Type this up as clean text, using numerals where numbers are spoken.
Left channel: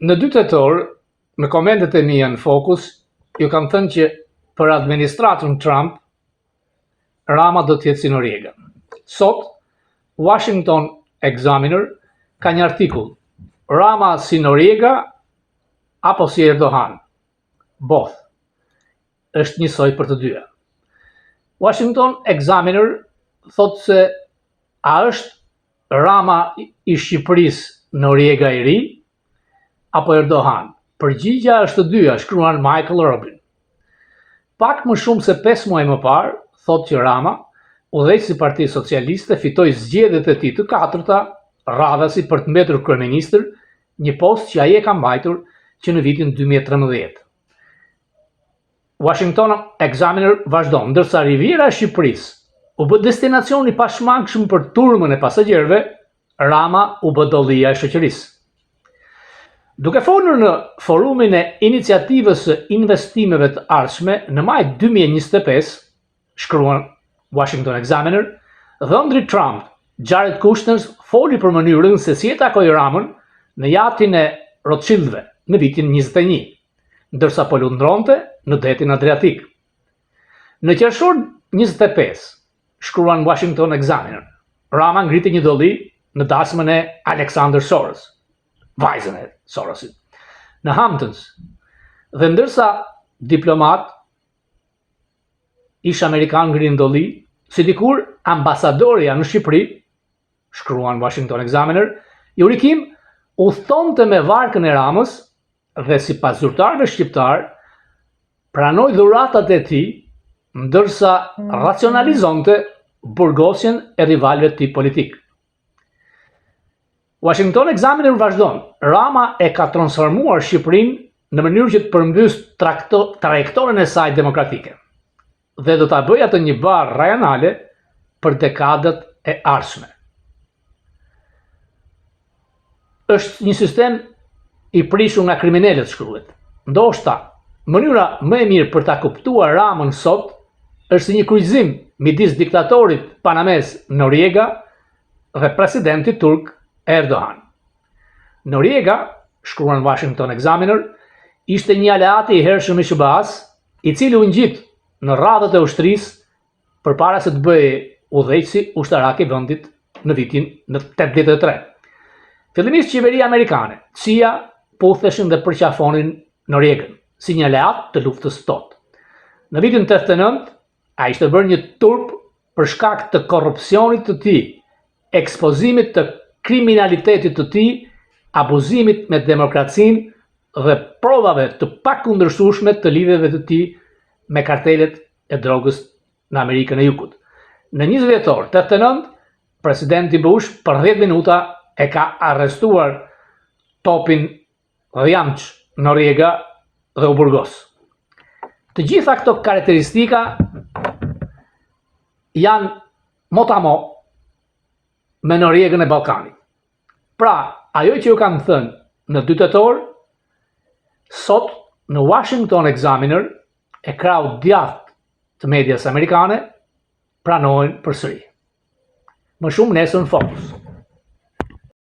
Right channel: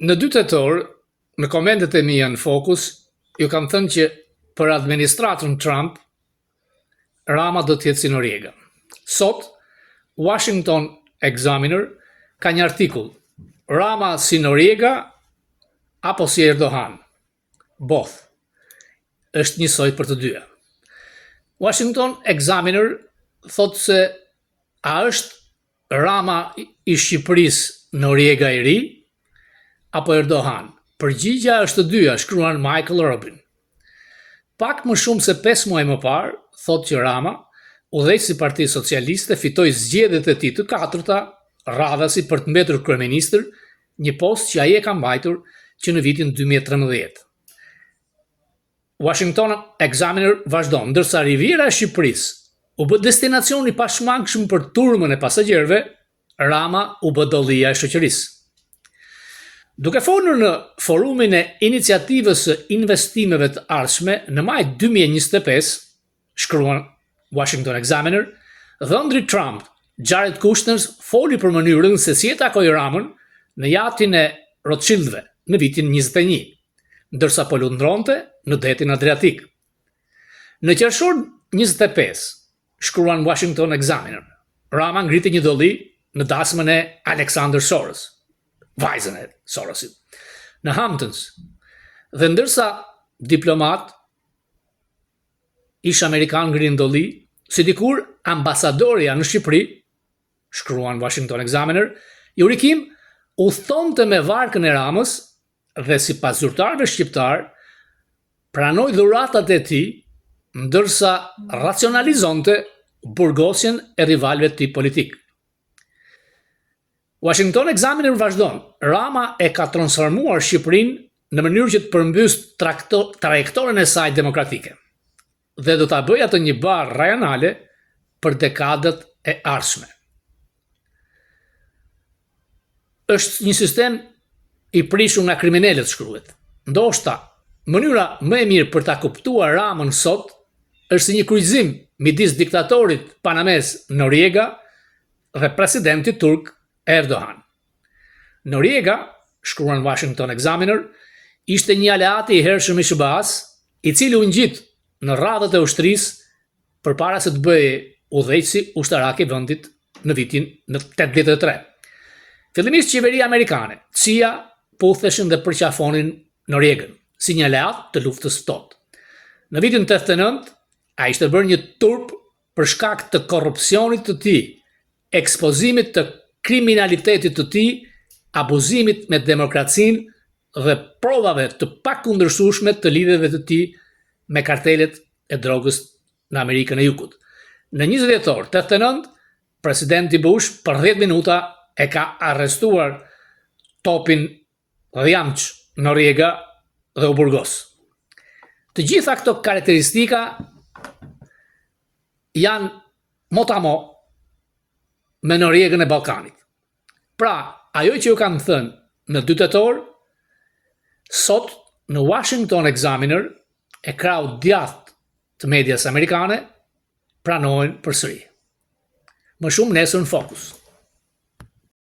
Në 2 tetor, në komentet e mia në Focus, ju kam thënë që për administratën Trump, Rama do të jetë si Noriega. Sot, Washington Examiner ka një artikull, Rama si Noriega apo si Erdogan. Both. Është njësoj për të dyja. Washington Examiner thotë se a është Rama i Shqipërisë Noriega i ri apo Erdogan. Përgjigja është të dyja, shkruan Michael Rubin. Pak më shumë se 5 muaj më parë, thotë që Rama, udhëheqësi i Partisë Socialiste, fitoi zgjedhjet e tij të 4-ta, radhasi për të mbetur kryeministër, një post që ai e ka mbajtur që në vitin 2013. Washington Examiner vazhdon, ndërsa Riviera e Shqipërisë u bë destinacion i pashmangshëm për turmën e pasagjerëve, Rama u bë dollia e shoqërisë. Duke folur në forumin e iniciativës së investimeve të ardhshme në maj 2025, shkruan Washington Examiner, dhëndri Trump, Jared Kushner, foli për mënyrën se si e takoi Ramën në jatin e Rothschildëve në vitin 21, ndërsa po lundronte në detin Adriatik. Në qershor 25, shkruan Washington Examiner, Rama ngriti një dolli në dasmën e Alexander Soros, vajzën e Sorosit, në Hamptons, dhe ndërsa diplomat ish Amerikan ngrin dolli, si dikur ambasadorja në Shqipëri, shkruan Washington Examiner, Jurikim udhtonte me varkën e Ramës dhe sipas zyrtarëve shqiptar, pranoi dhuratat e tij, ndërsa racionalizonte burgosjen e rivalëve të tij politik. Washington Examiner vazhdon, Rama e ka transformuar Shqipërinë në mënyrë që të përmbys trajektoren e saj demokratike dhe do ta bëjë atë një barë rajonale për dekadat e ardhshme. Është një sistem i prishur nga kriminalët, shkruhet. Ndoshta, mënyra më e mirë për ta kuptuar Ramën sot është si një kryqëzim midis diktatorit panamez Noriega dhe presidentit turk Erdogan. Noriega, shkruan Washington Examiner, ishte një aleat i hershëm i SBA-s, i cili u ngjit në radhët e ushtrisë përpara se të bëhej udhëheqësi ushtarak i vendit në vitin 83. Fillimisht qeveria amerikane, CIA, putheshin dhe përqafonin Noriegën si një aleat të luftës ftohtë. Në vitin 89, ai ishte bërë një turp për shkak të korrupsionit të tij, ekspozimit të kriminalitetit të tij, abuzimit me demokracinë dhe provave të pakundërshtueshme të lidhjeve të tij me kartelet e drogës në Amerikën e Jugut. Në 20 dhjetor 89, presidenti Bush për 10 minuta e ka arrestuar topin dhjamç Noriega dhe u burgos. Të gjitha këto karakteristika janë motamo me Noriegën e Ballkanit. Pra, ajo që ju kam thënë në 2 tetor, sot në Washington Examiner e krau djathtë të medias amerikane pranojnë përsëri. Më shumë nesër në Focus.